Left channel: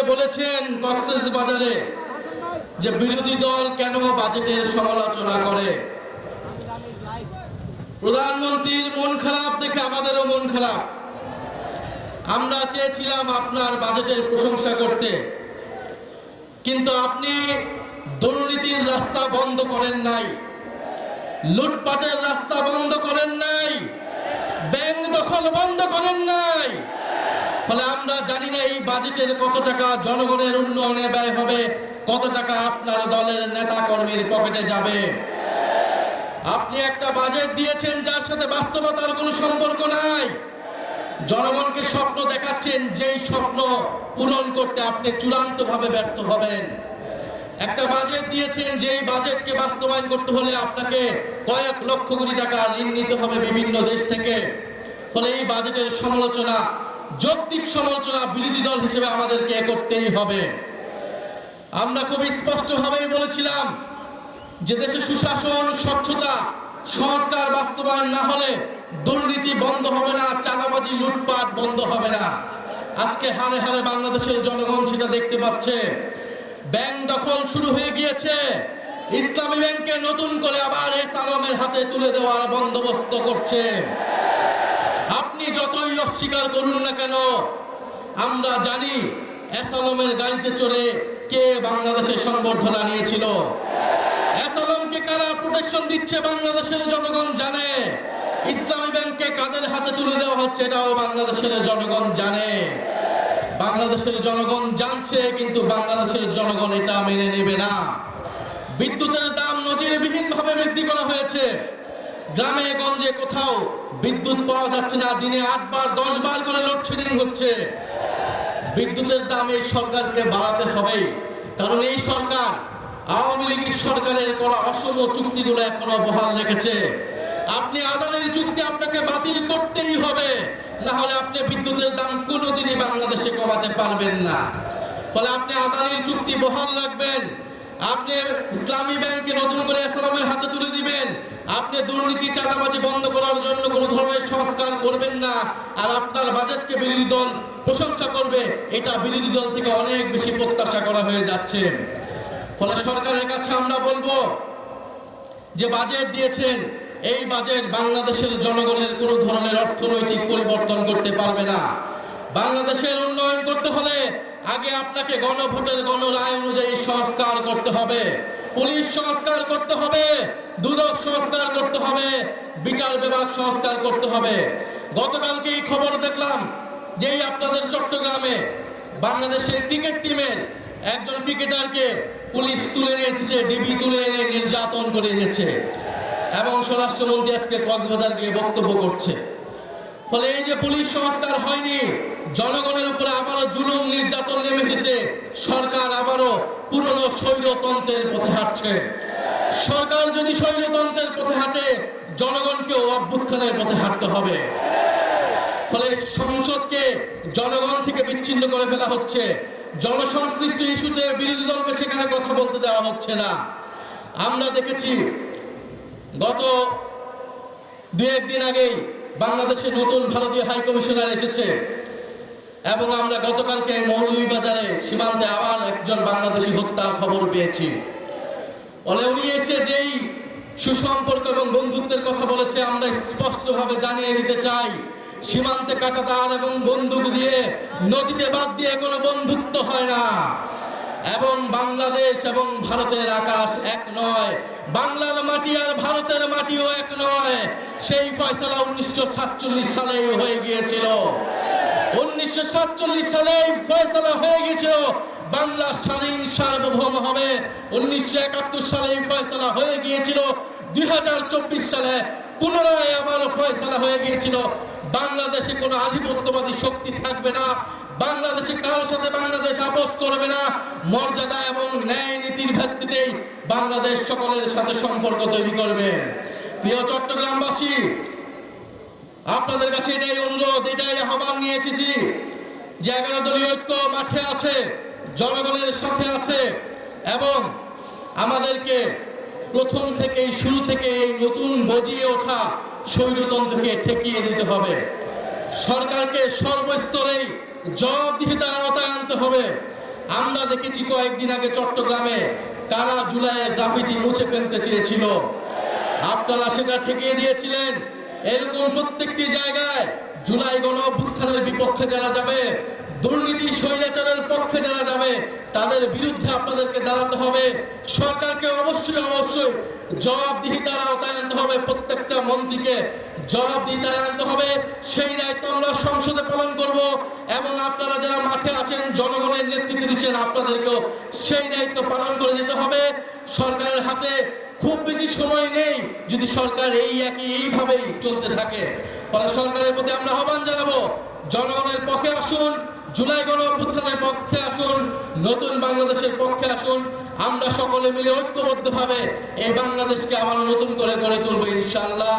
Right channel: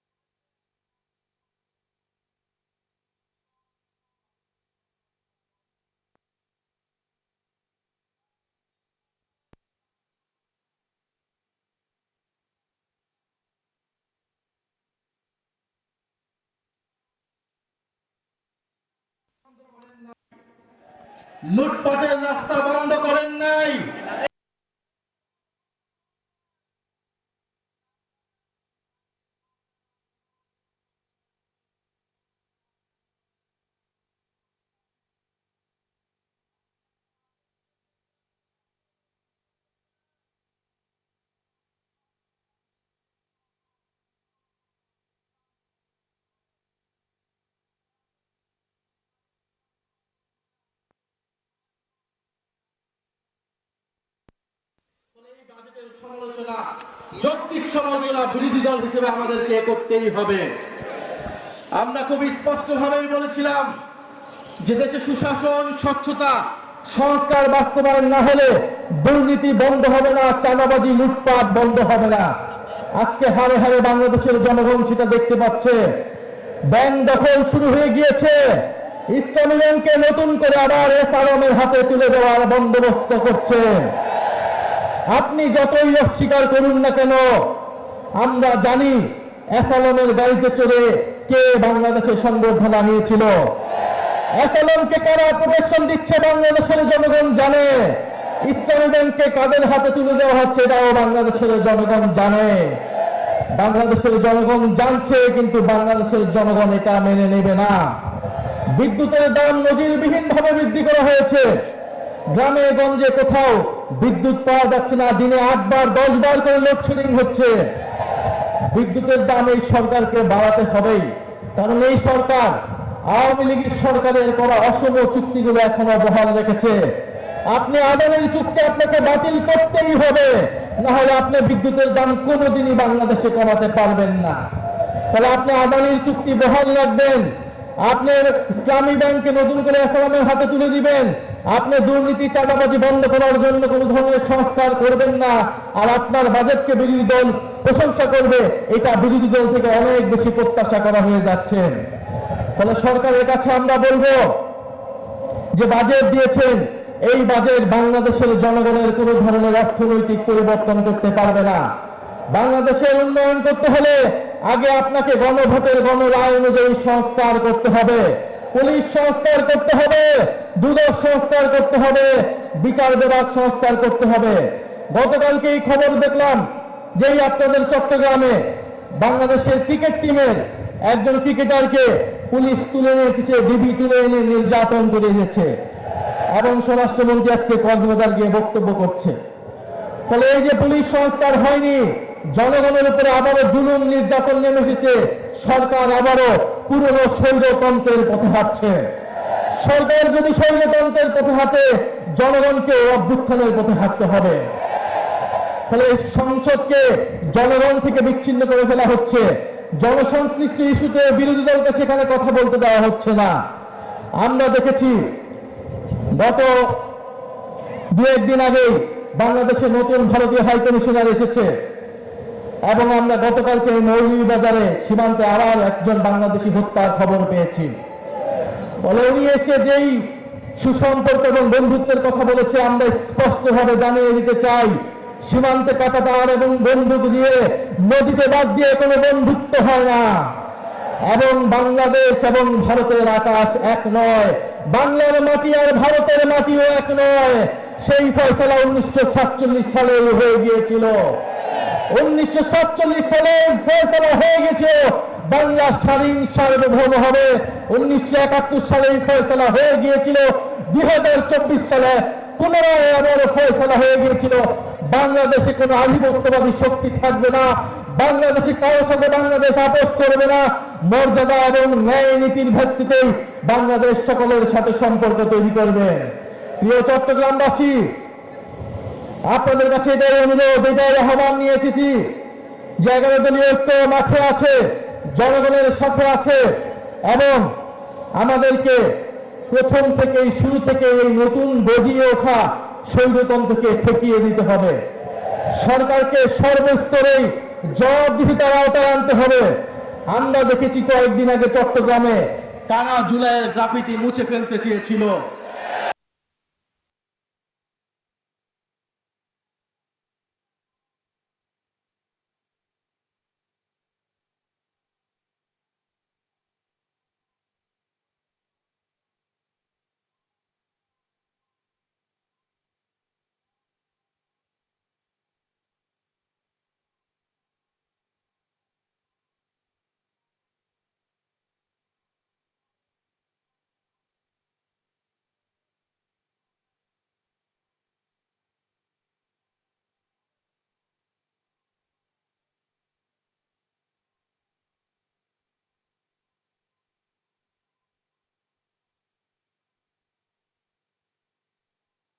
করে বলেছেন কক্সবাজারে যে বিরোধী দল কেন বাজেটের সমালোচনা করে। প্রধানমন্ত্রীর মন খারাপ দেখে আমাদেরও মন খারাপ। আমরা চেয়েছিলাম আপনার বাজেটের প্রশংসা করতে, কিন্তু আপনি দুর্নীতির রাস্তা বন্ধ করেন নাই, লুটপাটের রাস্তা বন্ধ করেন নাই, ব্যাংক দখল বন্ধ করেন নাই। ফলে আমরা জানি না এই বাজেটের কত টাকা জনগণের উন্নয়নে ব্যয় হবে, কত টাকা আপনার দলের নেতা কর্মীর পকেটে যাবে। আপনি একটা বাজেট দিয়েছেন যার সাথে বাস্তবতার কোনো সম্পর্ক নাই। জনগণকে স্বপ্ন দেখাচ্ছেন, যেই স্বপ্ন পূরণ করতে আপনি চূড়ান্তভাবে ব্যর্থ হবেন। একটা বাজেট দিয়েছেন যেই বাজেটকে বাস্তবায়ন করতে হলে আপনাকে কয়েক লক্ষ কোটি টাকা ঋণ নিতে হবে বিভিন্ন দেশ থেকে। ফলে এই বাজেটের সমালোচনা, যৌক্তিক সমালোচনা বিরোধী দল হিসেবে আমাদেরকে করতেই হবে। আমরা খুব স্পষ্টভাবেই বলেছিলাম যে দেশে সুশাসন, স্বচ্ছতা, সংস্কার বাস্তবায়ন না হলে দুর্নীতি বন্ধ হবে না, চাঁদাবাজি, লুটপাট বন্ধ হবে না। আজকে হারে হারে বাংলাদেশের জনগণ সেটা দেখতে পাচ্ছে। ব্যাংক দখল শুরু হয়ে গিয়েছে। ইসলামী ব্যাংকে নতুন করে আবার এসআরএমের হাতে তুলে দেওয়ার বন্দোবস্ত করছে। আপনি যতই অস্বীকার করুন না কেন, আমরা জানি এসআরএমের গাড়িতে চড়ে কে বাংলাদেশের সংবর্ধনা নিয়েছিল। এসআরএমকে কারা প্রোটেকশন দিচ্ছে বাংলাদেশের জনগণ জানে। ইসলামী ব্যাংককে কাদের হাতে তুলে দেওয়া হচ্ছে এটাও বাংলাদেশের জনগণ জানে। বাংলাদেশের জনগণ জানছে, কিন্তু বাংলাদেশের জনগণ এটা মেনে নেবে না। বিদ্যুতের দাম নজিরবিহীনভাবে বৃদ্ধি করা হয়েছে। গ্রামে গঞ্জে কোথাও বিদ্যুৎ পাওয়া যাচ্ছে না, দিনে 8 বার 10 বার করে লোডশেডিং হচ্ছে। বিদ্যুতের দাম এই সরকারকে বাড়াতে হবেই, কারণ এই সরকার আওয়ামী লীগের সরকারের করা অসম চুক্তিগুলো এখনো বহাল রেখেছে। আপনি আদানির চুক্তি আপনাকে বাতিল করতেই হবে, না হলে আপনি বিদ্যুতের দাম কোনোদিনই বাংলাদেশে কমাতে পারবেন না। তাহলে আপনি আদানির চুক্তি বহাল রাখবেন, আপনি ইসলামী ব্যাংকে নতুন করে এসআরএমের হাতে তুলে দিবেন, আপনি দুর্নীতি, চাঁদাবাজি বন্ধ করার জন্য কোনো ধরনের সংস্কার করবেন না, আর আপনার বাজেটকে বিরোধী দল প্রশংসা করবে, এটা বিরোধী দল থেকে অনেক বেশি প্রত্যাশা করা হয়ে যাচ্ছে। ফলে সরকারের কাছে আমরা বলবো যে বাজেট দিয়েছেন, এই বাজেট বাংলাদেশের জনগণের কোনো ধরনের অর্থনৈতিক পরিবর্তন করতে পারবে না। বাংলাদেশের উন্নয়ন করতে হলে আগে আপনাকে গণভোটের গণরায় অনুযায়ী সংস্কার করতে হবে, পুলিশ সংস্কার করতে হবে, দুদক সংস্কার করতে হবে, বিচার বিভাগ সংস্কার করতে হবে। গতকালকে এই খবর দেখলাম যে আপনাদের চট্টগ্রামে বাংলাদেশের ক্রিকেট টিমের একজন ক্রিকেটারকে পুলিশ তুলে নিয়ে এসেছে, ডিবি তুলে এনে নির্যাতন করে দিয়েছে, এবং স্বরাষ্ট্রমন্ত্রী আজকে কক্সবাজার গিয়ে বক্তব্য করছে। ফলে এই যে পুলিশ সংস্কার হয়নি, জনগণের উপরে আবারও জুলুম নির্যাতন নেমে এসেছে। সরকার আবারও পুরনো স্বৈরতন্ত্রের পথে হাঁটছে। সরকার যদি স্বৈরতন্ত্রের পথে হাঁটে, জনগণকে অভ্যুত্থানের পথে হাঁটতে হবে। ফলে সংসদকে জনগণ থেকে বিচ্ছিন্ন করে ফেলা হচ্ছে। জনসংশ্লিষ্ট ইস্যুতে বিরোধী দলকে সেখানে কথা বলতে দেওয়া হচ্ছে না। আমরা দেখেছি গত 2-1 দিন আগেই বাংলাদেশে নতুন ভারতীয় হাই কমিশনার এসেছে, এবং আমরা গতকালকে মৌলভীবাজারে সীমান্তে আবার একজন বাংলাদেশি হত্যার খবর পেয়েছি। বলে উনি এসে যেই সুসম্পর্ক এবং বন্ধুত্বের কথা বলেছে, আমরা স্পষ্টভাবে জানিয়ে দিতে চাই, সীমান্তে কাঁটাতার এবং বন্দুক দিয়ে, নদীতে বাদ দিয়ে কোনো বন্ধুত্ব হয় না। এবং বাংলাদেশ এবং ভারতের আকাশ এক নয়, বাংলার মাটি আর ভারতের মাটিও এক নয়। সেই ফয়সালা 1947 সালে হয়ে গিয়েছিল। 1947 সালে ফয়সালা হয়ে গেছে বাংলা স্বাধীন সার্বভৌম হবে। 1971 সালে ফয়সালা হয়ে গিয়েছিল। 2024 সালে পুনরায় আবার ফয়সালা হয়ে গিয়েছিল বাংলাদেশে কোনো আধিপত্যবাদী শক্তি থাকবে না, বাংলাদেশে কারোর সাথে বাংলাদেশ আপোষ করবে না। মর্যাদা এবং ন্যায় নীতির ভিত্তিতেই বাংলাদেশ সকলের সাথে সম্পর্ক তৈরি করবে। প্রিয় চট্টগ্রামবাসী, আপনাদের কাছে এটাই অনুরোধ, এটাই আহ্বান নিয়ে এসেছি যে 11 দলীয় ঐক্য মাঠে আছে, জনগণের সাথে আছে, এবং আমাদেরকে প্রথম থেকেই, শুরু থেকে এই নতুন গজিয়ে ওঠা স্বৈরতন্ত্রকে ঠেকিয়ে দিতে হবে। সরকারকে সর্বস্তরেই জবাবদিহিতার আওতায় আনতে হবে। আমরা দেখেছি কয়েকদিন আগে চট্টগ্রামে তারা জুলাইয়ের গ্রাফিতি মুছে ফেলতে চেয়েছিল, আপনারা সেটা ঠেকিয়ে দিয়েছিলেন। এরকম প্রত্যেকটি জায়গায় জুলাই গণ অভ্যুত্থানের বিপক্ষে যারা যাবে, দুর্নীতি স্বৈরাচারের পক্ষে যারা যাবে, তাদের বিরুদ্ধে আপনাদেরকে দাঁড়াতে হবে। সরকারকে অবশ্যই জবাবদিহিতার আওতায় আনতে হবে, প্রত্যেকটা মন্ত্রীকে জবাবদিহিতার আনতে হবে। সেই দায়িত্ব আমরা সংসদে পালন করব এবং আপনারা যারা মাঠে আছেন, জনগণের নেতৃত্ব দিচ্ছেন, আপনাদেরকেও সেই দায়িত্ব পালন করে যেতে হবে। সরকারের হাতে খুব বেশি সময় নেই যদি সরকার এইভাবেই চলতে থাকে। ফলে সরকারের প্রতি আমরা আহ্বান জানাবো, জনগণের পক্ষে আসুন, জুলাই গণ অভ্যুত্থানের পক্ষে আসুন, নতুন বাংলাদেশের পক্ষে আসুন। আমরা সকলে মিলে ঐক্যবদ্ধভাবে এই বাংলাদেশকে আবার নতুন করে গড়ে তুলবো ইনশাআল্লাহ।